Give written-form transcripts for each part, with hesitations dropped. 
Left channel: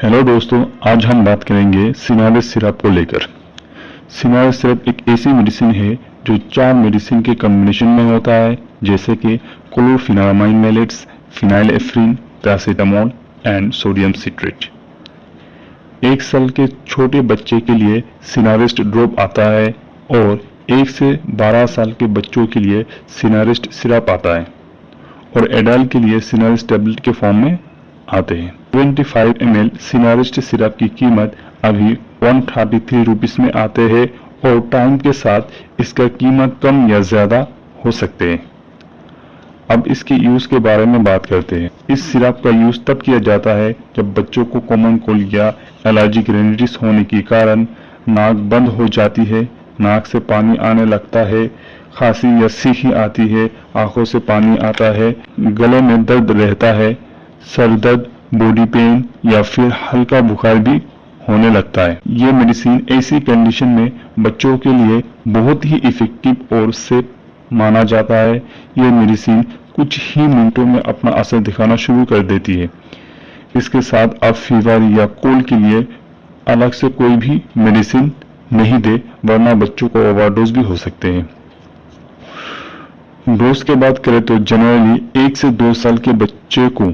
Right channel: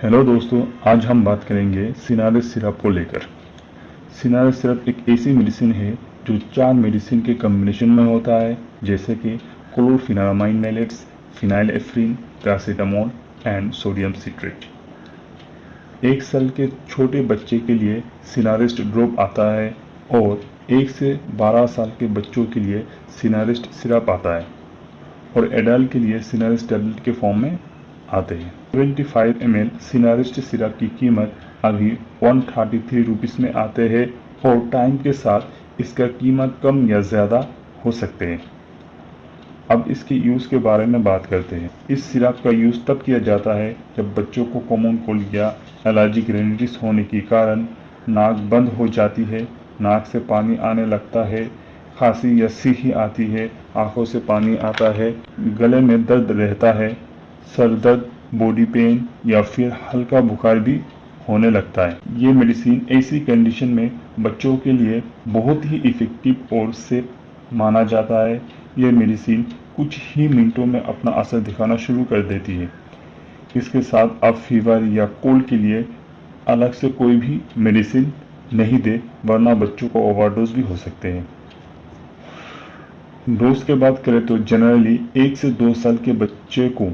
Hello दोस्तों, आज हम बात करेंगे सिनारेस्ट सिरप को लेकर। सिनारेस्ट सिरप एक ऐसी मेडिसिन है जो 4 मेडिसिन के कॉम्बिनेशन में होता है, जैसे कि chlorphenamine maleates, phenylephrine, paracetamol and sodium citrate. 1 साल के छोटे बच्चे के लिए सिनारेस्ट ड्रॉप आता है और 1 से 12 साल के बच्चों के लिए सिनारेस्ट सिरप आता है और एडल्ट के लिए सिनारेस्ट टैबलेट के फॉर्म में आते हैं। 25 ml सिनारेस्ट सिरप की कीमत अभी 133 रुपीस में आते हैं और टाइम के साथ इसका कीमत कम या ज्यादा हो सकते हैं। अब इसके यूज के बारे में बात करते हैं। इस सिरप का यूज तब किया जाता है जब बच्चों को कॉमन कोल्ड या एलर्जिक रेनिटिस होने के कारण नाक बंद हो जाती है, नाक से पानी आने लगता है, खांसी या सीखी आती है, आंखों से पानी आता है, गले में दर्द रहता है, सर दर्द, बॉडी पेन या फिर हल्का बुखार भी होने लगता है। ये मेडिसिन ऐसी कंडीशन में बच्चों के लिए बहुत ही इफेक्टिव और सेफ माना जाता है। ये मेडिसिन कुछ ही मिनटों में अपना असर दिखाना शुरू कर देती है। इसके साथ आप फीवर या कोल्ड के लिए अलग से कोई भी मेडिसिन नहीं दे, वरना बच्चों को ओवरडोज भी हो सकते हैं। डोज की बात करें तो जनरली 1 से 2 साल के बच्चे को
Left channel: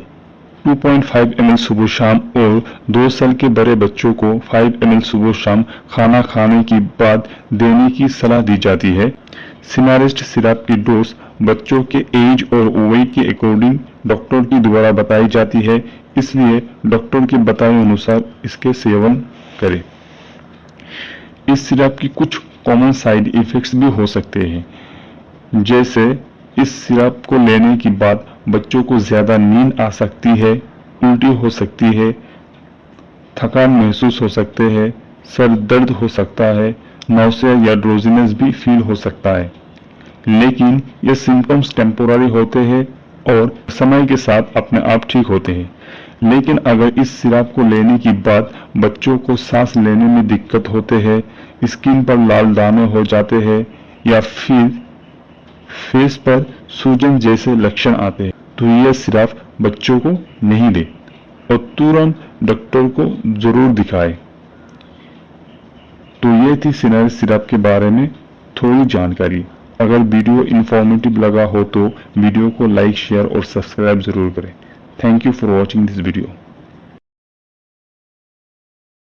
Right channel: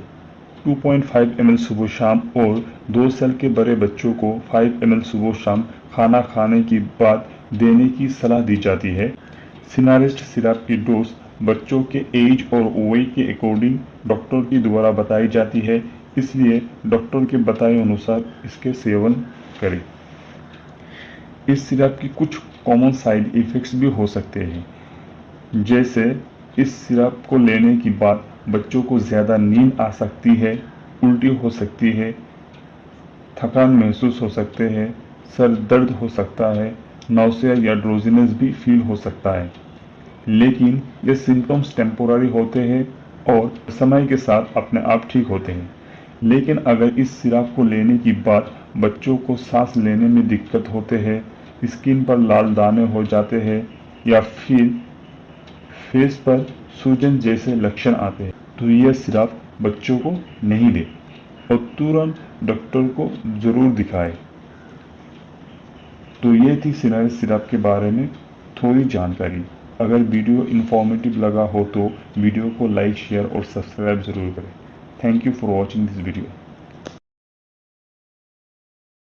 2.5 ml सुबह शाम और 2 साल के बड़े बच्चों को 5 ml सुबह शाम खाना खाने के बाद देने की सलाह दी जाती है। सिनारेस्ट सिरप की डोज बच्चों के एज और वेट के अकॉर्डिंग डॉक्टर की द्वारा बताई जाती है, इसलिए डॉक्टर के बताए अनुसार इसके सेवन करें। इस सिरप की कुछ कॉमन साइड इफेक्ट्स भी हो सकते हैं, जैसे इस सिरप को लेने के बाद बच्चों को ज्यादा नींद आ सकती है, उल्टी हो सकती है, थकान महसूस हो सकते हैं, सर दर्द हो सकता है, नौसिया या ड्रोजीनेस भी फील हो सकता है। लेकिन ये सिम्टम्स टेम्पोररी होते हैं और समय के साथ अपने आप ठीक होते हैं। लेकिन अगर इस सिरप को लेने के बाद बच्चों को सांस लेने में दिक्कत होते हैं, स्किन पर लाल दाने हो जाते हैं या फिर फेस पर सूजन जैसे लक्षण आते हैं, तो यह सिरप बच्चों को नहीं दे और तुरंत डॉक्टर को जरूर दिखाए। तो ये थी सिनारेस्ट सिरप के बारे में थोड़ी जानकारी। अगर वीडियो इंफॉर्मेटिव लगा हो तो वीडियो को लाइक, शेयर और सब्सक्राइब जरूर करें। Thank you for watching this video.